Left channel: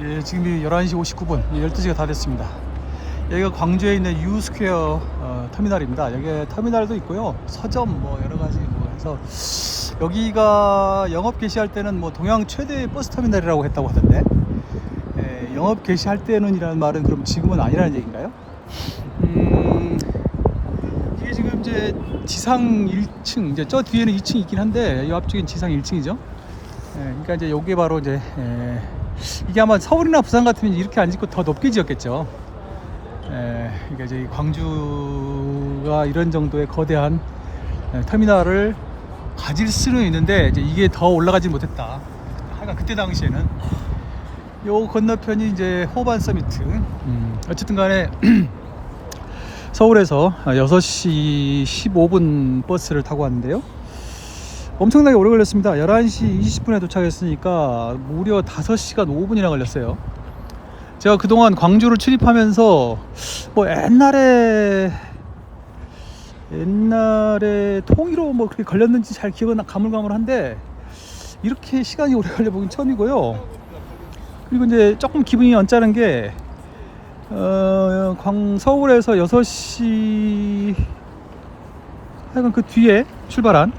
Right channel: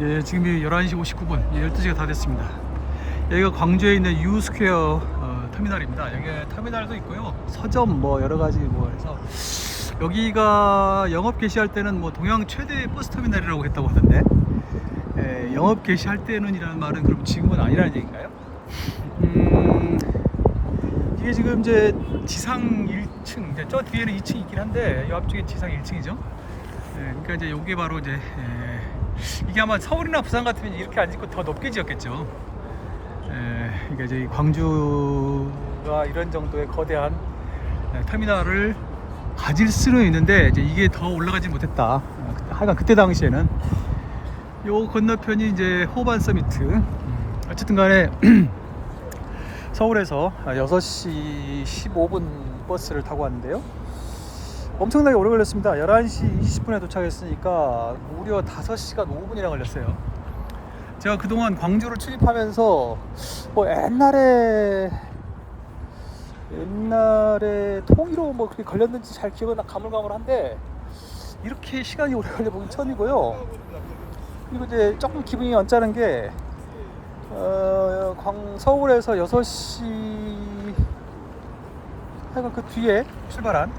예, 지금이 11시 59분, 12시가 다 됐습니다. 여기가 광주에 있는 유스퀘어 터미널입니다. 여기 터미널도 있고요. 서점 뭐 여러가지 뭐 해서 여기가 영업 개시할 때는 뭐 동양 최대 버스 터미널이라고 했다고 하던데, 예, 영업 개시할 때는 이라는 말은 그럼 지금은 아니라는 얘기인가요? 이게 지금 이제 지상 1층, 이제 저 뒤에는 2층이 있긴 한데 이 앞쪽엔 지상 1층이죠. 예, 그러니까 이제 요게 바로 이제 이게 아마 서울이나 부산 같으면 이렇게 안 짓고 더 높게 지었겠죠. 그러니까 이제 광주가 이런 정도의 거대한 터미널을 가질 수는 있는데 이제 이게 더 올라가지 못했다. 하여간 그때 당시에는 요 건너편이 이제 호반 서미트. 어쨌든 간에 서울에서 6시 15분 버스를 타고 왔는데요. 엄청나게 오래 걸렸습니다. 11시 20분에 도착했으니까 무려 5시간 5분이나 걸렸어요. 제가 그동안 광주를 출입하면서 뭐 옛날에 통일호 뭐 그렇게 걸렸는지 잘 기억은 가물가물한데 이렇게 시간이 오래 걸려보긴 처음이고요. 그리고 이제 조금 기분이 언짢은 게 서울에서 6시 하여간 그 뒤에 출발한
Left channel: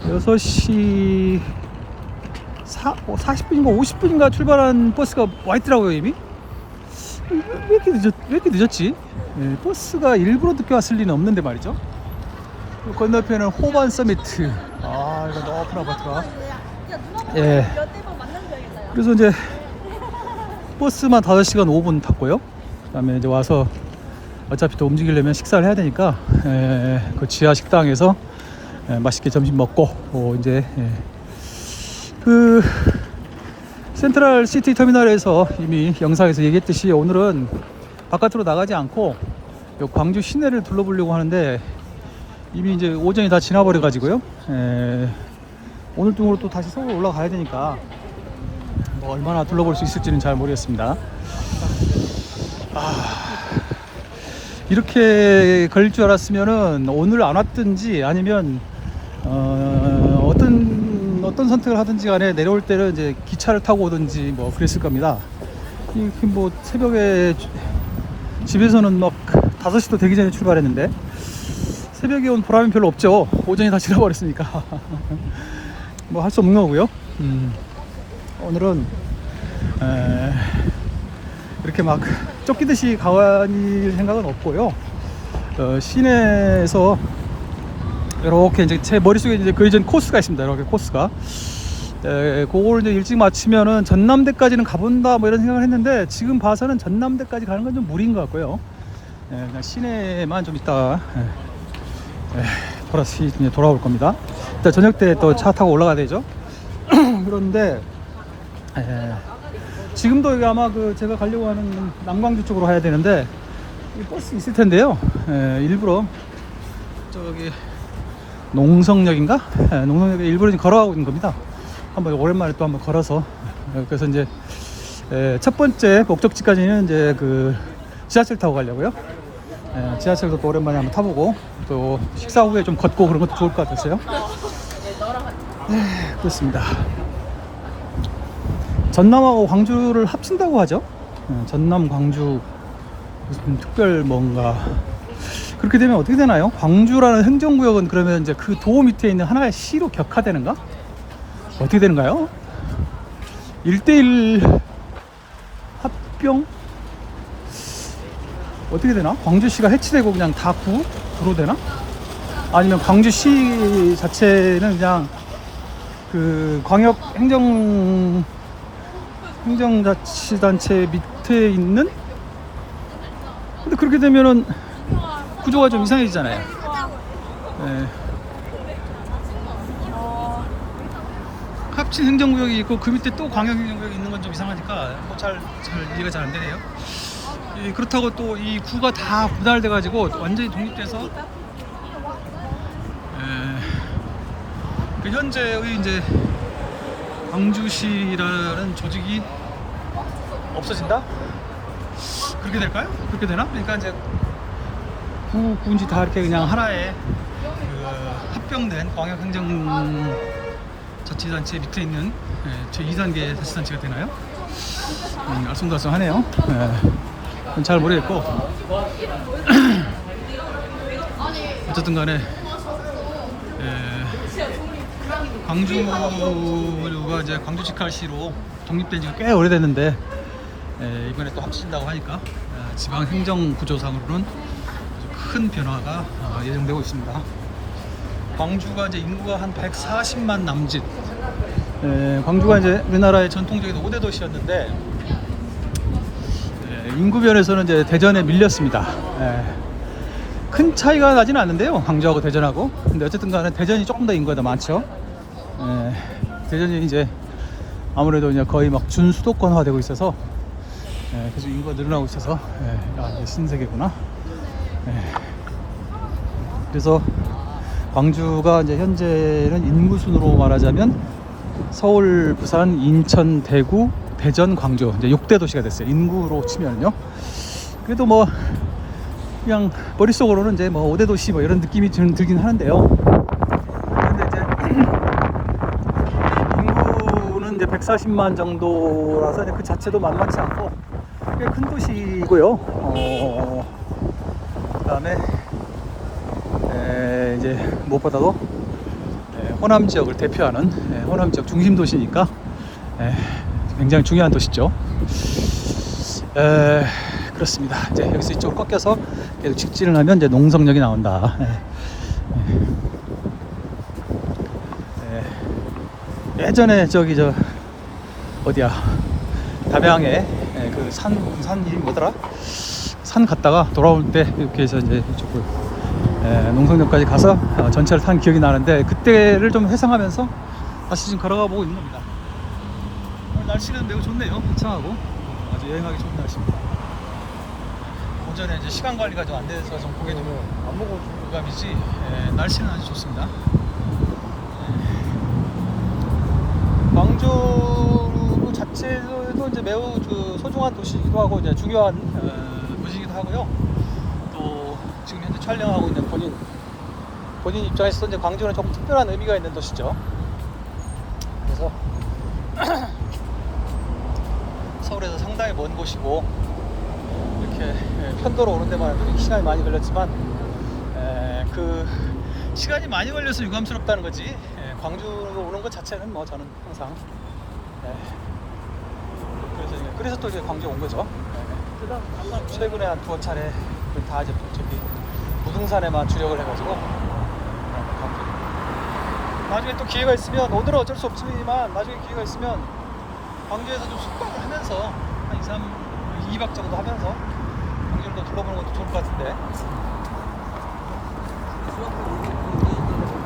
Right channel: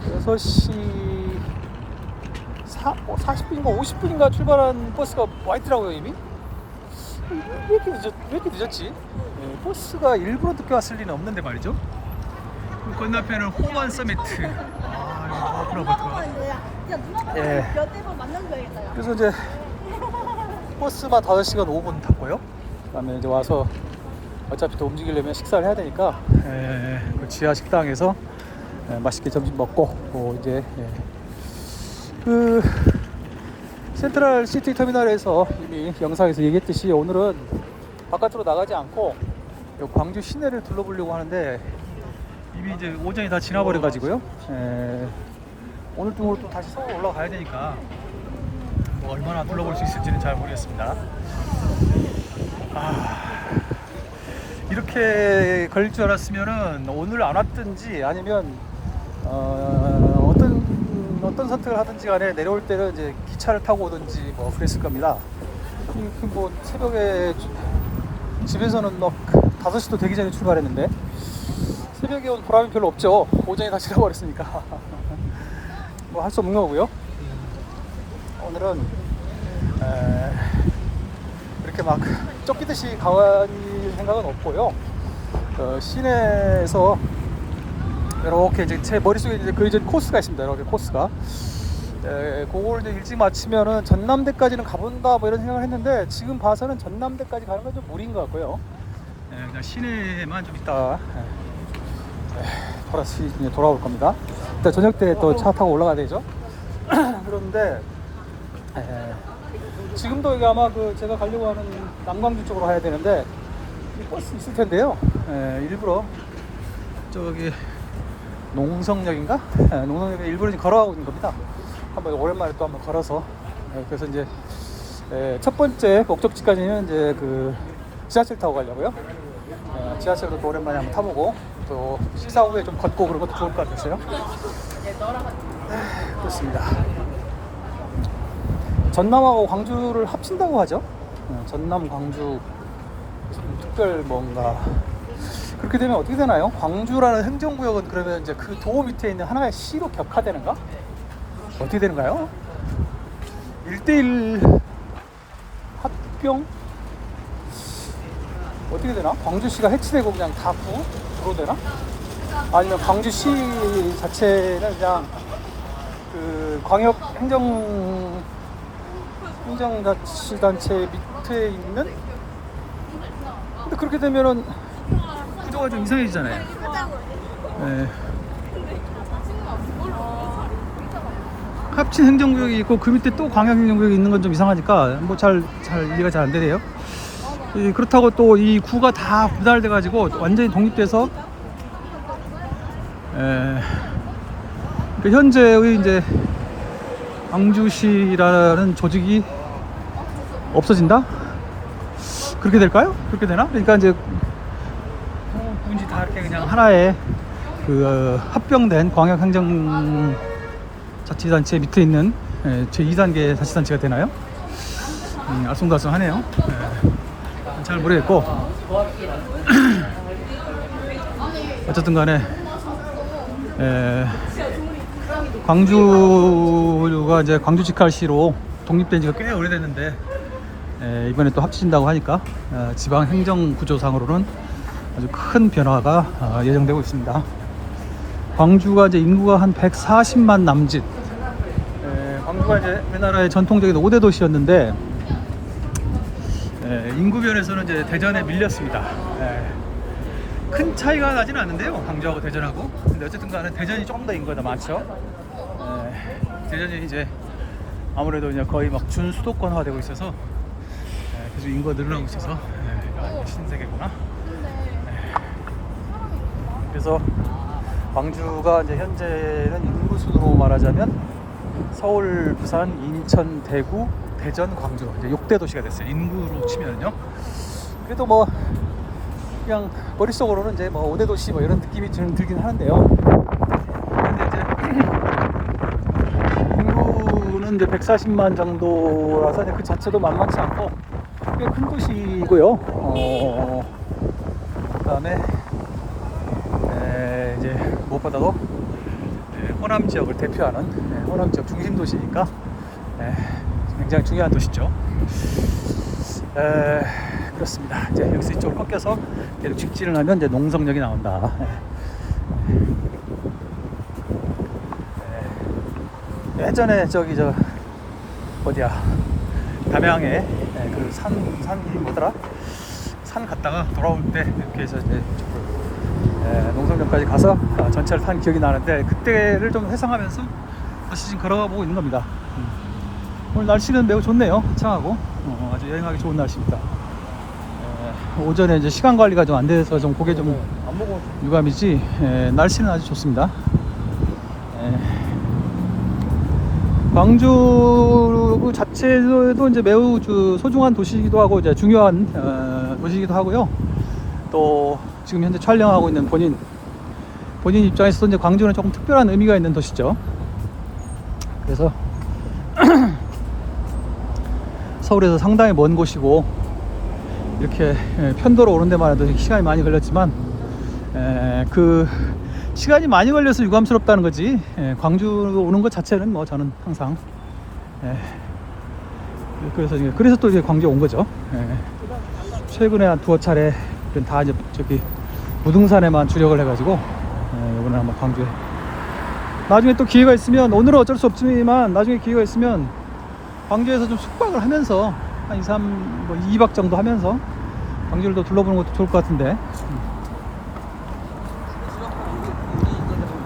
6시 40분인가 50분인가 출발한 버스가 와 있더라고요. 이미 왜 이렇게 늦었지? 버스가 일부러 늦게 왔을 리는 없는데 말이죠. 그 건너편은 호반 서미트. 아, 이거 너무 아픈 아파트가. 예. 그래서 이제 버스만 5시간 5분 탔고요. 그 다음에 이제 와서 어차피 또 움직이려면 식사를 해야 되니까 그 지하 식당에서 맛있게 점심 먹고 이제 그 센트럴 시티 터미널에서 이미 영상에서 얘기했듯이 오늘은 바깥으로 나가지 않고 광주 시내를 둘러보려고 하는데 이미 이제 오전이 다 지나버려 가지고요. 오늘 중으로 또 다시 서울 올라가야 되니까 뭐 얼마나 둘러볼 수 있을지는 잘 모르겠습니다. 이렇게 걸릴 줄 알았으면은 오늘 안 왔든지 아니면 어떤 선택을 하든지 간에 내려올 때는 이제 기차를 타고 오든지 뭐 그랬을 겁니다. 뭐 새벽에 집에서는 막 5시도 되기 전에 출발했는데 새벽에 온 보람이 별로 없죠. 오전이 다 지나버렸으니까 뭐 할 수 없는 거고요. 오늘은 이렇게 막 쫓기듯이 가만히 생각은 없고요. 시내에서 이렇게 이제 제 머릿속에 이제 그 이전 코스가 있습니다. 이렇게 코스가. 그걸 이제 일찍 마치면은 전남대까지는 가본다 뭐 이런 생각을 했는데 지금 봐서는 전남대까지 가는 건 좀 무리인 것 같고요. 그냥 시내만 좀 이따 걸어서 이제 돌아올 겁니다. 일단 저녁 때 또 차 타고 올라가야 되죠. 그런데 지금도 여기 아마 그 제가 가려고 하는 남강주 쪽으로 가야 되는데 버스 있을 텐데요. 일부러 저기 농성역인가? 농성역에 일부러 걸어가고 있는 겁니다. 한번 오랜만에 또 한번 걸어서 그래서 이제 첫 번째 목적지까지는 이제 그 지하철 타고 가려고요. 지하철도 또 오랜만에 한번 타보고 또 식사 후에 좀 걷고 그런 것도 좋을 것 같았어요. 그렇습니다. 전남하고 광주를 합친다고 하죠. 전남 광주 특별 뭔가 그렇게 되면 어떻게 되나요? 광주라는 행정구역은 그러면 이제 그 도 밑에 있는 하나의 시로 격화되는가? 어떻게 되는가요? 1대1 합병? 어떻게 되나? 광주시가 해치되고 그냥 다 구로 되나? 아니면 광주시 자체는 그냥 그 광역 행정자치단체 밑에 있는? 근데 그렇게 되면은 구조가 좀 이상해지잖아요. 합친 행정구역이 있고 그 밑에 또 광역행정구역이 있는 건 좀 이상하니까 뭐 잘 이해가 잘 안 되네요. 그렇다고 또 이 구가 다 분할돼 가지고 완전히 독립돼서 그 현재의 이제 광주시라는 조직이 없어진다? 그렇게 될까요? 그렇게 되나? 그러니까 이제 구인지 다 이렇게 그냥 하나의 그 합병된 광역행정자치단체 밑에 있는 제 2단계 자치단체가 되나요? 알쏭달쏭하네요. 잘 모르겠고 어쨌든 간에 광주가 이제 광주 직할시로 독립된 지가 꽤 오래됐는데 이번에 또 합친다고 하니까 지방 행정 구조상으로는 아주 큰 변화가 예정되고 있습니다. 광주가 이제 인구가 한 140만 남짓. 광주가 이제 우리나라의 전통적인 5대 도시였는데 인구 면에서는 이제 대전에 밀렸습니다. 큰 차이가 나지는 않는데요, 광주하고 대전하고. 근데 어쨌든 간에 대전이 조금 더 인구가 더 많죠. 대전이 이제 아무래도 이제 거의 막 준수도권화 되고 있어서 그래서 인구가 늘어나고 있어서 신세계구나. 그래서 광주가 이제 현재는 인구 순으로 말하자면 서울, 부산, 인천, 대구, 대전, 광주 이제 6대 도시가 됐어요. 인구로 치면요. 그래도 뭐 그냥 머릿속으로는 이제 뭐 5대 도시 뭐 이런 느낌이 좀 들긴 하는데요. 근데 이제 인구는 이제 140만 정도라서 그 자체도 만만치 않고 꽤 큰 도시고요. 그다음에 이제 무엇보다도 호남 지역을 대표하는 호남 지역 중심 도시니까 굉장히 중요한 도시죠. 그렇습니다. 이제 여기서 이쪽 꺾여서 계속 직진을 하면 이제 농성역이 나온다. 예전에 저기 저 어디야 담양에 그 산이 뭐더라? 산 갔다가 돌아올 때 이렇게 해서 이제 농성역까지 가서 전차를 탄 기억이 나는데 그때를 좀 회상하면서 다시 지금 걸어가 보고 있는 겁니다. 오늘 날씨는 매우 좋네요. 화창하고 아주 여행하기 좋은 날씨입니다. 오전에 이제 시간 관리가 좀 안 돼서 좀 그게 좀 유감이지 날씨는 아주 좋습니다. 광주 자체도 이제 매우 소중한 도시이기도 하고 이제 중요한 도시이기도 하고요. 또 지금 현재 촬영하고 있는 본인 입장에서도 이제 광주는 조금 특별한 의미가 있는 도시죠. 그래서 서울에서 상당히 먼 곳이고 이렇게 편도로 오는 데만 해도 시간이 많이 걸렸지만 그 시간이 많이 걸려서 유감스럽다는 거지 광주 오는 것 자체는 뭐 저는 항상 그래서 또 이제 광주에 온 거죠. 최근에 한 두어 차례 다 이제 저기 무등산에만 주력을 해가지고 이번에 한번 광주 나중에 또 기회가 있으면 오늘은 어쩔 수 없지만 나중에 기회가 있으면 광주에서 좀 숙박을 하면서 한 2, 3, 뭐 2박 정도 하면서 광주를 또 둘러보는 것도 좋을 것 같은데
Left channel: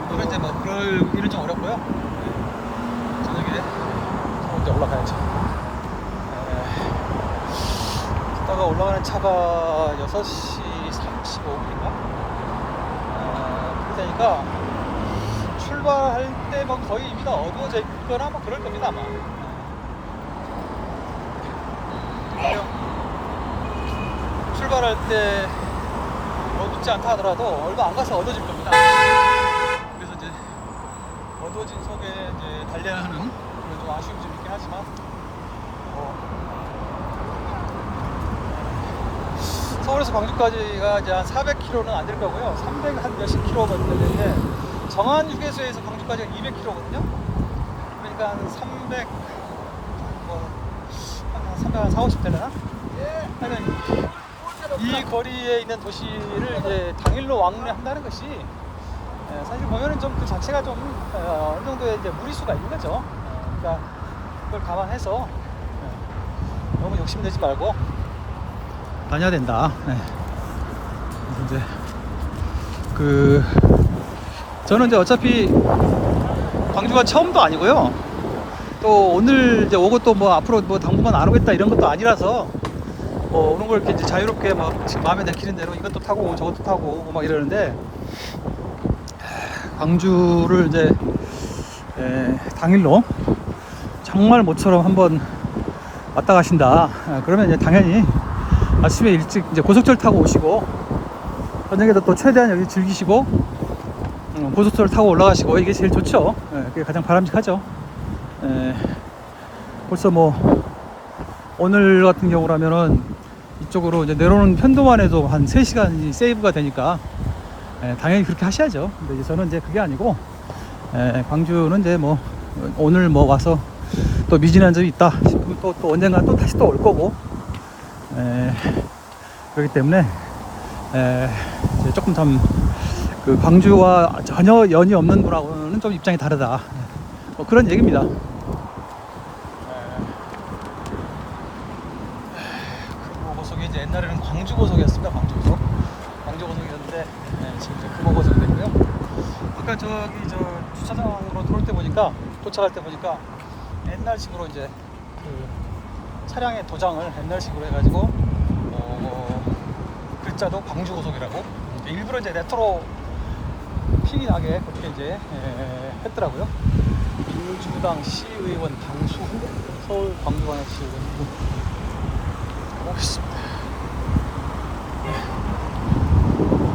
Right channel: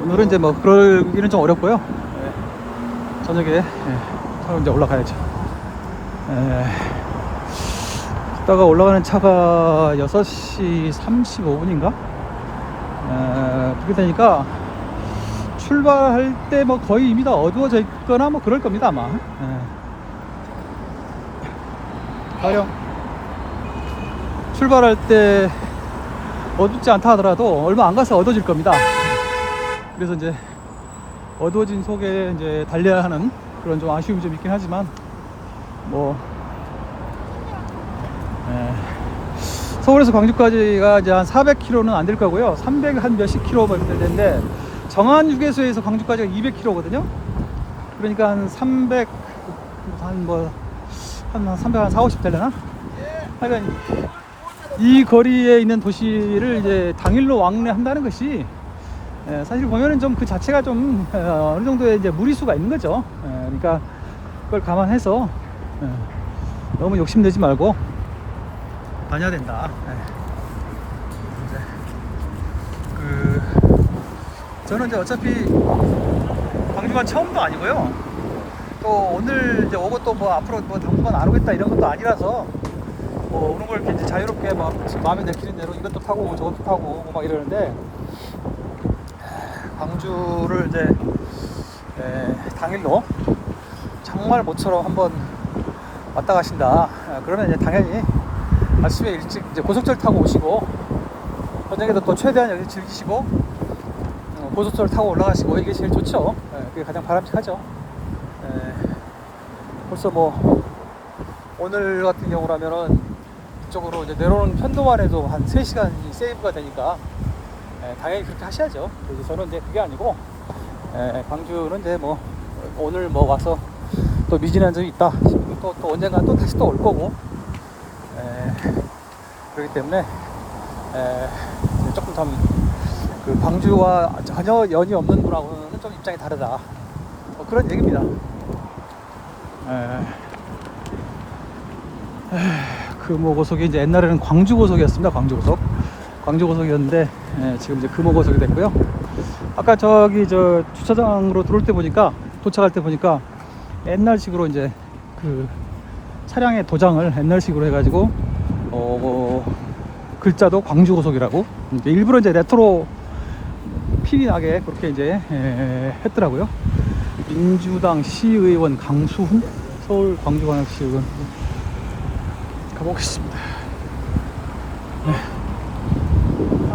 오늘은 이제 뭐 그러기는 좀 어렵고요. 저녁에 서로 이제 올라가야죠. 이따가 올라가는 차가 6시 35분인가? 그렇게 되니까 출발할 때 뭐 거의 이미 다 어두워져 있거나 뭐 그럴 겁니다 아마. 가령 출발할 때 어둡지 않다 하더라도 얼마 안 가서 어두워질 겁니다. 그래서 이제 어두워진 속에 이제 달려야 하는 그런 좀 아쉬움이 좀 있긴 하지만 뭐 서울에서 광주까지가 이제 한 400km는 안 될 거고요. 300 한 몇십 킬로 되는데 정한 휴게소에서 광주까지가 200km거든요. 그러니까 한 300 한 350 되려나? 하여간 이 거리에 있는 도시를 이제 당일로 왕래한다는 것이 사실 보면은 좀 그 자체가 좀 어느 정도의 이제 무리수가 있는 거죠. 그러니까 그걸 감안해서 너무 욕심내지 말고 다녀야 된다. 이제 저는 이제 어차피 광주가 처음도 아니고요. 또 오늘 이제 오고 또 뭐 앞으로 뭐 당분간 안 오겠다 이런 것도 아니라서 뭐 오는 걸 이렇게 자유롭게 막 지금 마음에 내키는 대로 이것도 타고 저것도 타고 뭐 이러는데 광주를 이제 당일로 정말 모처럼 한번 왔다 가신다. 그러면 이제 당연히 아침에 일찍 이제 고속철 타고 오시고 저녁에도 또 최대한 여기 즐기시고 고속철 타고 올라가시고 이게 제일 좋죠. 그게 가장 바람직하죠. 벌써 뭐 오늘 같은 경우라면은 이쪽으로 이제 내려오는 편도만 해도 한 3시간이 세이브가 되니까 당연히 그렇게 하셔야죠. 근데 저는 이제 그게 아니고 광주는 이제 뭐 오늘 뭐 와서 또 미진한 점이 있다 싶으면 또 언젠가 또 다시 또 올 거고 그렇기 때문에 이제 조금 그 광주와 전혀 연이 없는 거라고는 좀 입장이 다르다 뭐 그런 얘기입니다. 금호 고속이 이제 옛날에는 광주 고속이었습니다. 광주 고속이었는데 지금 이제 금호 고속이 됐고요. 아까 저기 저 주차장으로 들어올 때 보니까 도착할 때 보니까 옛날식으로 이제 그 차량의 도장을 옛날식으로 해가지고 글자도 광주 고속이라고 이제 일부러 이제 레트로 핑이 나게 그렇게 이제 했더라고요. 민주당 시의원 강수훈 서울 광주광역 시의원 보겠습니다.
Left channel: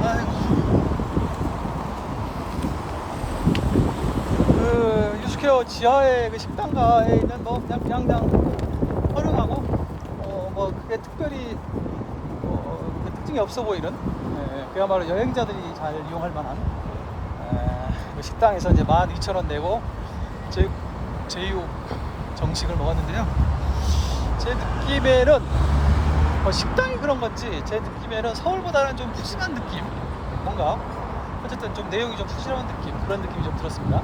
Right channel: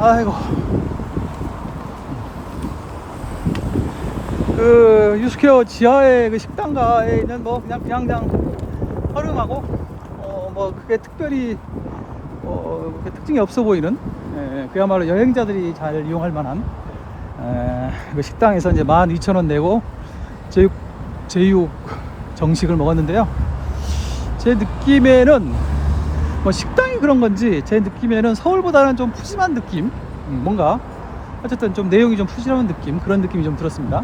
아이고. 그 유스케어 지하에 그 식당가에 있는 거 그냥 활용하고 뭐 그게 특별히 그렇게 특징이 없어 보이는 그야말로 여행자들이 잘 이용할 만한 그 식당에서 이제 12,000원 내고 제육 정식을 먹었는데요. 제 느낌에는 뭐 식당이 그런 건지 제 느낌에는 서울보다는 좀 푸짐한 느낌, 뭔가 어쨌든 좀 내용이 좀 푸짐한 느낌, 그런 느낌이 좀 들었습니다.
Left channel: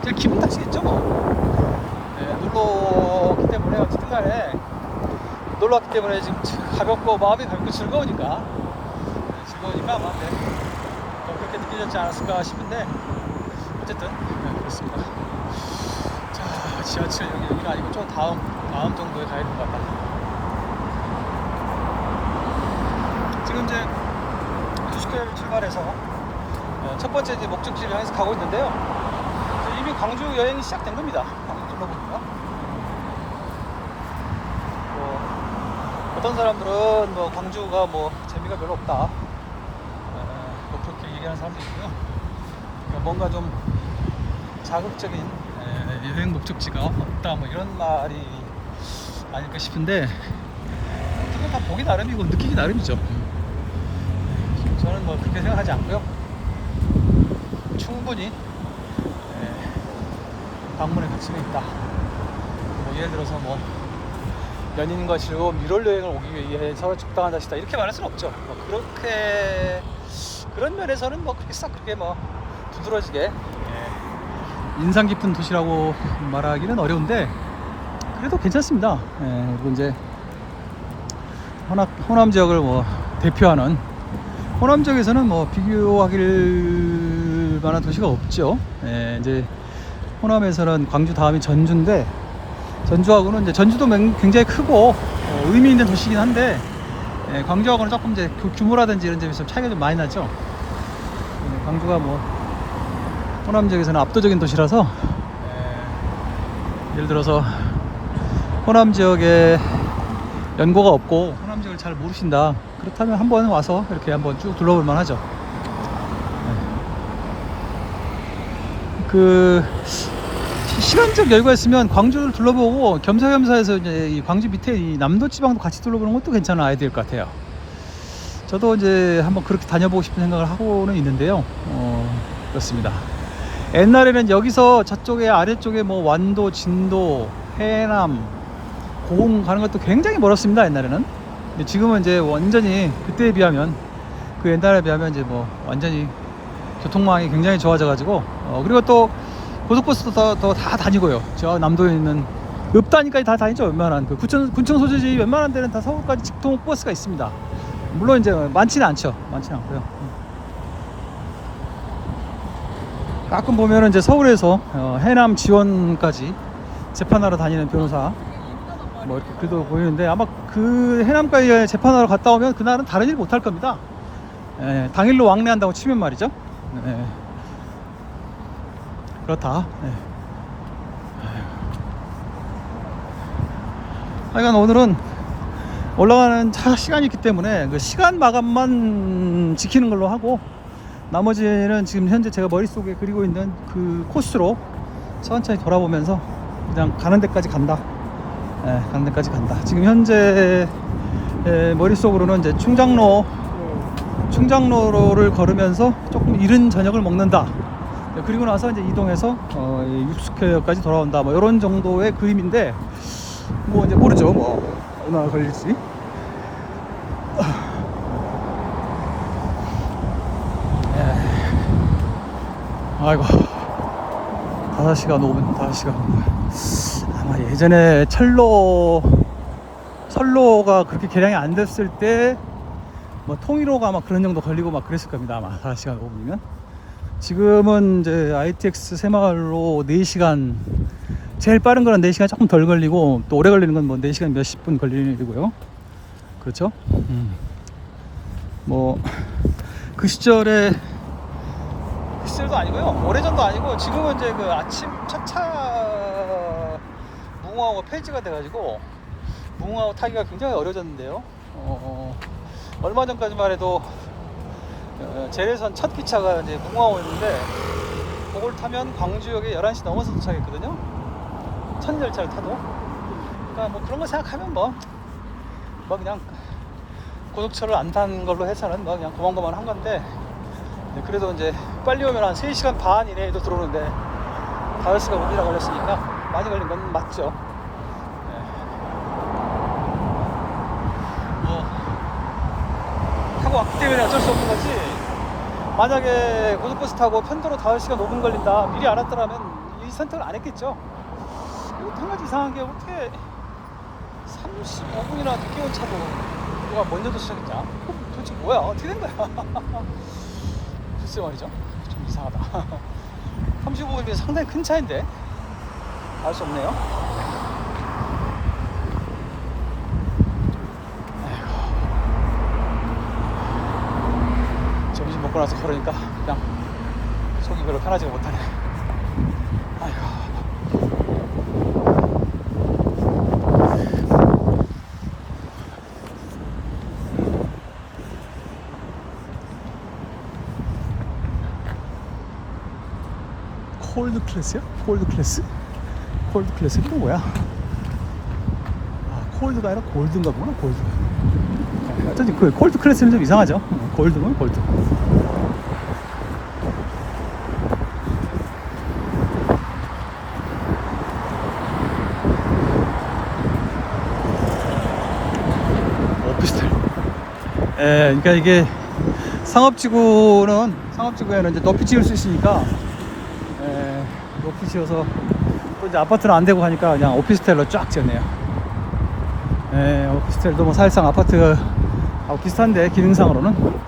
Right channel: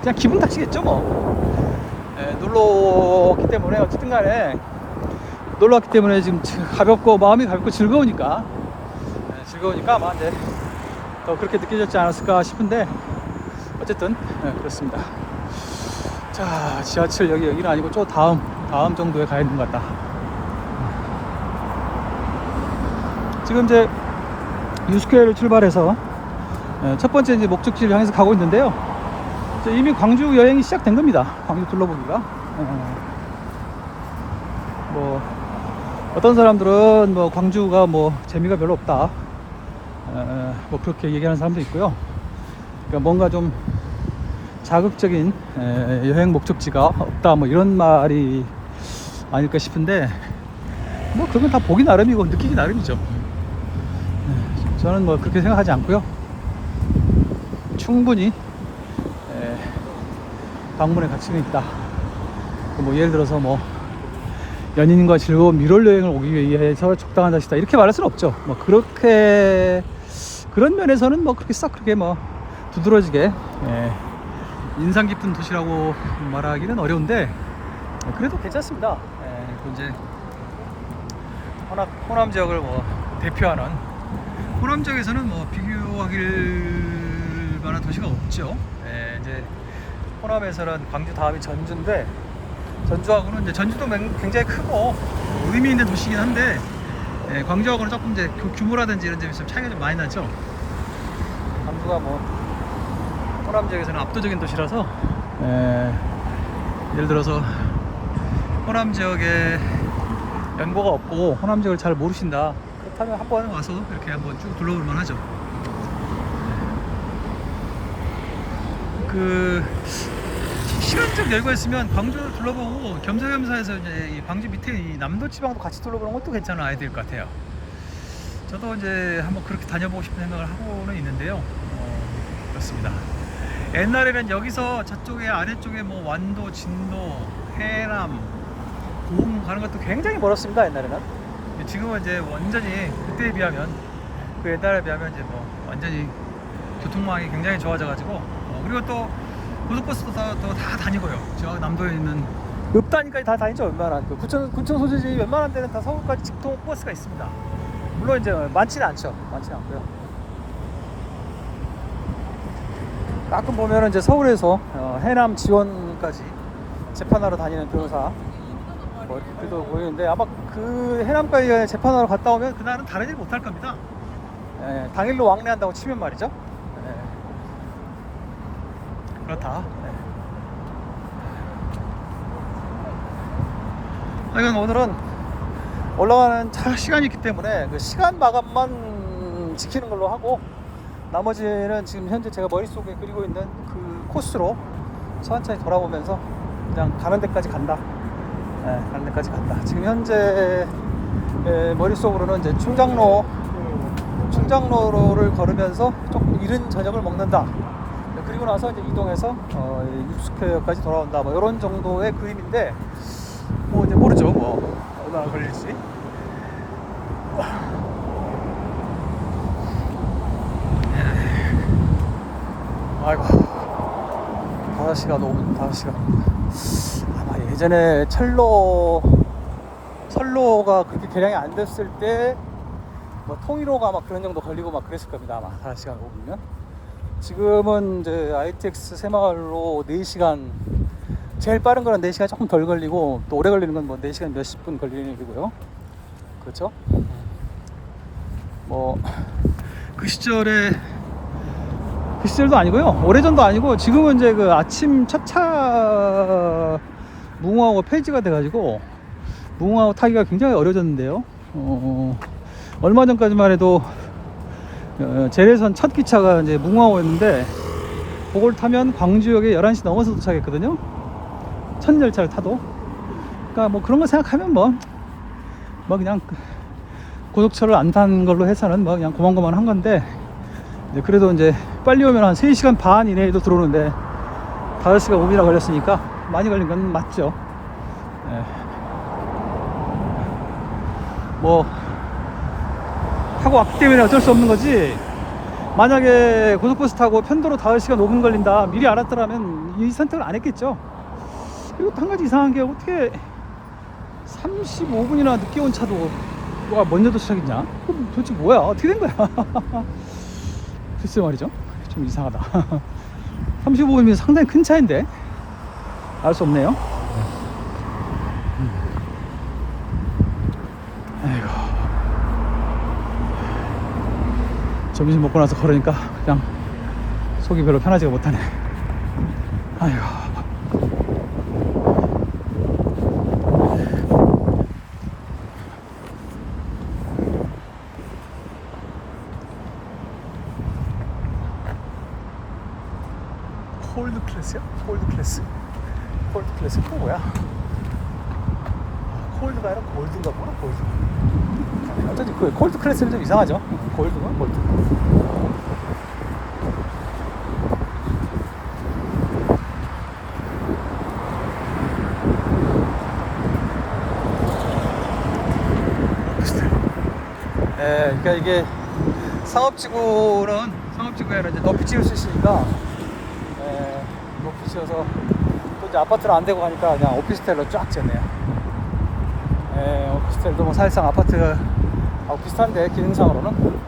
그냥 기분 탓이겠죠 뭐. 놀러 왔기 때문에 어쨌든 간에 놀러 왔기 때문에 지금 가볍고 마음이 가볍고 즐거우니까 아마 더 그렇게 느껴졌지 않았을까 싶은데 어쨌든 그렇습니다. 자, 지하철 여기는 아니고 저 다음 정도에 가 있는 것 같다. 지금 이제 유스케어를 출발해서 첫 번째 이제 목적지를 향해서 가고 있는데요. 이미 광주 여행이 시작된 겁니다. 광주 둘러보기가. 뭐 어떤 사람들은 뭐 광주가 뭐 재미가 별로 없다. 뭐 그렇게 얘기하는 사람도 있고요. 그러니까 뭔가 좀 자극적인 여행 목적지가 없다 뭐 이런 말이 아닐까 싶은데 뭐 그건 다 보기 나름이고 느끼기 나름이죠. 저는 뭐 그렇게 생각하지 않고요. 충분히 방문의 가치는 있다. 뭐 예를 들어서 뭐 연인과 즐거운 유월 여행을 오기 위해서 적당한 것이다 이렇게 말할 수는 없죠. 뭐 그렇게 그런 면에서는 뭐 그렇게 싹 그렇게 뭐 두드러지게 인상 깊은 도시라고 말하기는 어려운데 그래도 괜찮습니다. 그리고 이제 호남 지역을 뭐 대표하는 호남 지역에서는 뭐 비교하길 만한 도시가 없죠. 이제 호남에서는 광주 다음이 전주인데 전주하고는 이제 전주도 굉장히 크고 의미 있는 도시긴 한데 광주하고는 조금 이제 규모라든지 이런 점에서 차이가 좀 많이 나죠. 광주가 뭐 호남 지역에서는 압도적인 도시라서 예를 들어서 호남 지역에 연고가 없고 호남 지역을 잘 모르신다 그렇다면 한번 와서 이렇게 한번 쭉 둘러볼 만하죠. 그 시간적 여유가 있으면 광주를 둘러보고 겸사겸사해서 이제 이 광주 밑에 이 남도 지방도 같이 둘러보는 것도 괜찮은 아이디어일 것 같아요. 저도 이제 한번 그렇게 다녀보고 싶은 생각을 하고는 있는데요. 그렇습니다. 옛날에는 여기서 저쪽에 아래쪽에 뭐 완도, 진도, 해남, 고흥 가는 것도 굉장히 멀었습니다. 옛날에는. 지금은 이제 완전히 그때에 비하면 그 옛날에 비하면 이제 뭐 완전히 교통망이 굉장히 좋아져 가지고 그리고 또 고속버스도 더 다 다니고요. 저 남도에 있는 읍단위까지 다 다니죠. 웬만한 그 군청 소재지 웬만한 데는 다 서울까지 직통 버스가 있습니다. 물론 이제 많지는 않고요. 가끔 보면은 이제 서울에서 해남 지원까지 재판하러 다니는 변호사 뭐 이렇게 그래도 보이는데 아마 그 해남까지 재판하러 갔다 오면 그날은 다른 일 못할 겁니다. 당일로 왕래한다고 치면 말이죠. 그렇다. 하여간 오늘은 올라가는 시간이 있기 때문에 그 시간 마감만 지키는 걸로 하고 나머지는 지금 현재 제가 머릿속에 그리고 있는 그 코스로 천천히 돌아보면서 그냥 가는 데까지 간다 네, 광대까지 간다. 지금 현재 머릿속으로는 이제 충장로를 걸으면서 조금 이른 저녁을 먹는다. 네, 그리고 나서 이제 이동해서 육스퀘어까지 돌아온다. 뭐 이런 정도의 그림인데 뭐 이제 모르죠. 뭐 얼마나 걸릴지. 아이고 5시간 오면 5시간 오면 예전에 철로가 그렇게 개량이 안 됐을 때 뭐 통일호가 막 그런 정도 걸리고 막 그랬을 겁니다 아마 5시간 오면. 지금은 이제 ITX 새마을로 4시간, 제일 빠른 거는 4시간 조금 덜 걸리고 또 오래 걸리는 건 뭐 4시간 몇십 분 걸리고요. 그렇죠? 뭐 그 시절도 아니고요. 오래전도 아니고 지금은 이제 그 아침 첫차 무궁화호가 폐지가 돼가지고 무궁화호 타기가 굉장히 어려워졌는데요. 얼마 전까지만 해도 재래선 첫 기차가 이제 무궁화호였는데 그걸 타면 광주역에 11시 넘어서 도착했거든요. 첫 열차를 타도. 그러니까 뭐 그런 거 생각하면 뭐 그냥 고속철을 안 타는 걸로 해서는 뭐 그냥 고만고만한 건데, 그래도 이제 빨리 오면 한 3시간 반 이내에도 들어오는데 5시간 5분이나 걸렸으니까 많이 걸린 건 맞죠. 뭐 타고 왔기 때문에 어쩔 수 없는 거지, 만약에 고속버스 타고 편도로 5시간 5분 걸린다 미리 알았더라면 이 선택을 안 했겠죠. 그리고 한 가지 이상한 게 어떻게 35분이나 늦게 온 차도 먼저 도착했냐? 도대체 뭐야? 어떻게 된 거야? 글쎄 말이죠. 좀 이상하다. 35분이면 상당히 큰 차인데 알 수 없네요. 점심 먹고 나서 걸으니까 그냥 속이 별로 편하지가 못하네. 아이고. 콜드 클래스야? 콜드 클래스? 콜드 클래스는 또 뭐야? 콜드가 아니라 골드인가 보네. 골드. 어쩐지 그 콜드 클래스는 좀 이상하죠. 골드는 골드. 오피스텔. 그러니까 이게 상업지구에는 이제 높이 지을 수 있으니까 높이 지어서 또 이제 아파트는 안 되고 하니까 그냥 오피스텔로 쫙 지었네요. 오피스텔도 뭐 사실상 아파트 비슷한데 기능상으로는 그렇다.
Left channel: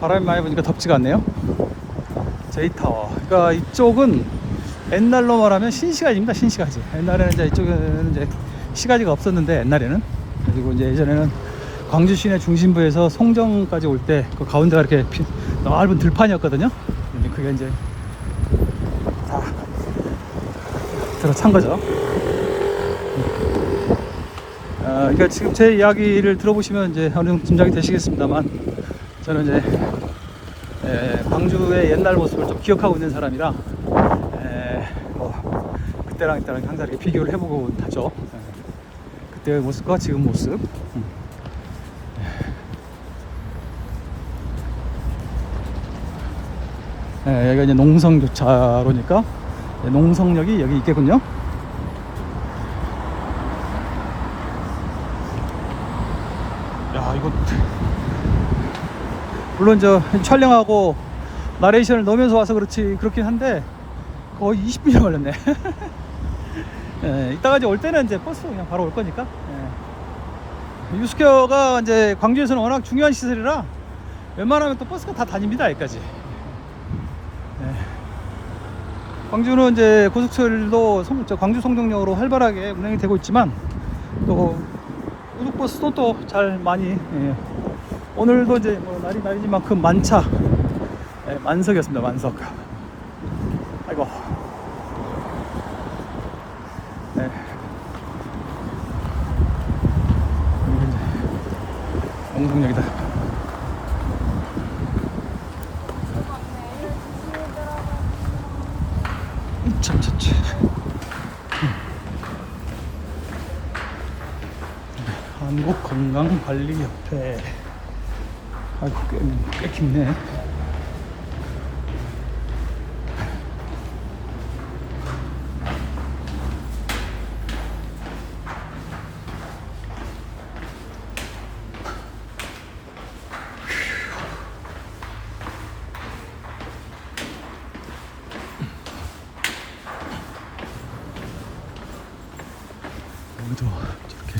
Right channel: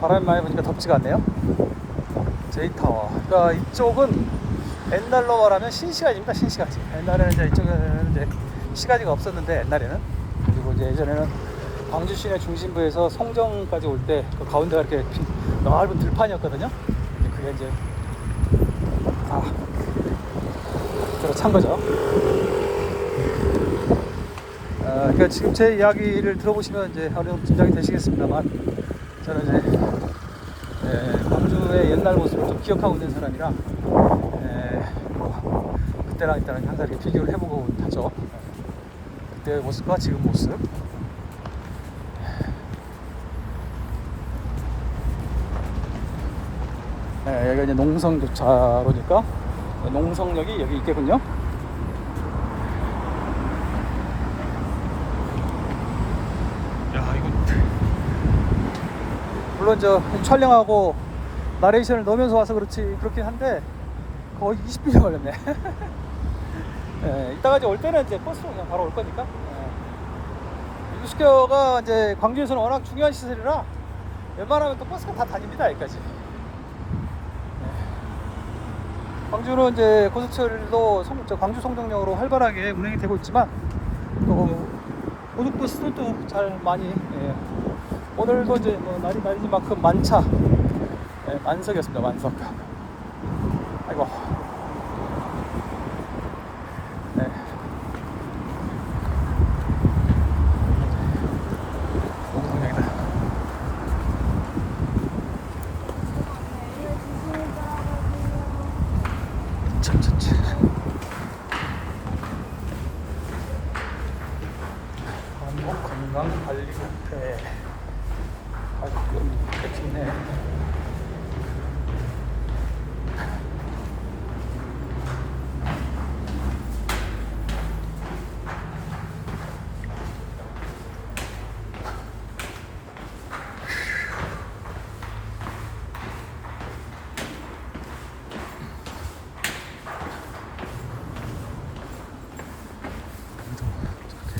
바람이 많이 부니까 덥지가 않네요. 제이타워. 그러니까 이쪽은 옛날로 말하면 신시가지입니다. 신시가지. 옛날에는 이제 이쪽에는 이제 시가지가 없었는데, 옛날에는. 그리고 이제 예전에는 광주 시내 중심부에서 송정까지 올 때 그 가운데가 이렇게 얇은 들판이었거든요. 그게 이제 들어찬 거죠. 그러니까 지금 제 이야기를 들어보시면 이제 어느 정도 짐작이 되시겠습니다만, 저는 이제 광주의 옛날 모습을 좀 기억하고 있는 사람이라 그때랑 항상 이렇게 비교를 해보고 있죠. 그때의 모습과 지금 모습. 여기가 이제 농성교차로니까 농성역이 여기 있겠군요. 야, 이거 물론 저 촬영하고 나레이션을 넣으면서 와서 그렇긴 한데 거의 20분이 걸렸네. 이따가 이제 올 때는 이제 버스로 그냥 바로 올 거니까. 유스퀘어가 이제 광주에서는 워낙 중요한 시설이라 웬만하면 또 버스가 다 다닙니다. 여기까지. 광주는 이제 고속철도 광주 송정역으로 활발하게 운행이 되고 있지만, 또 고속버스도 또 잘 많이 오늘도 이제 날이 날이지만큼 만차 만석이었습니다. 만석. 네. 공분역이다. 참 좋지. 한국 관광 관리협회. 이렇게 있네. 여기도 저렇게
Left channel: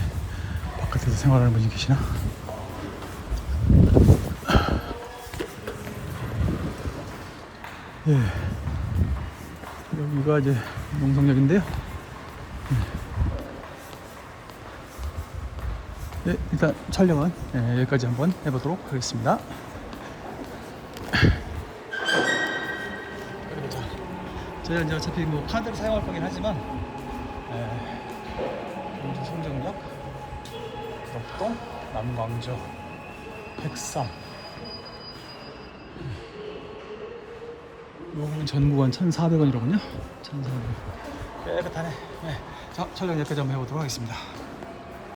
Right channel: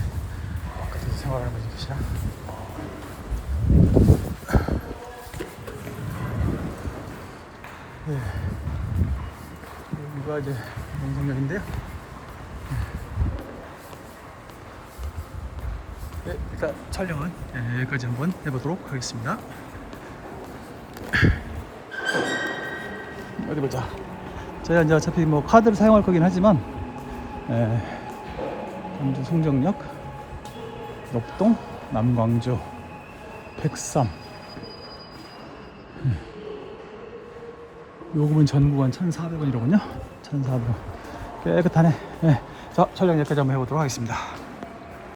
바깥에서 생활하는 분이 계시나? 네. 여기가 이제 용성역인데요. 네, 일단 촬영은 여기까지 한번 해보도록 하겠습니다. 어디 보자. 저희가 이제 어차피 뭐 카드를 사용할 거긴 하지만 경주 송정역, 목동, 남광주, 백상. 이 부분 전 구간 1,400원이로군요. 1,400원. 깨끗하네. 네. 자, 촬영 여기까지 한번 해보도록 하겠습니다.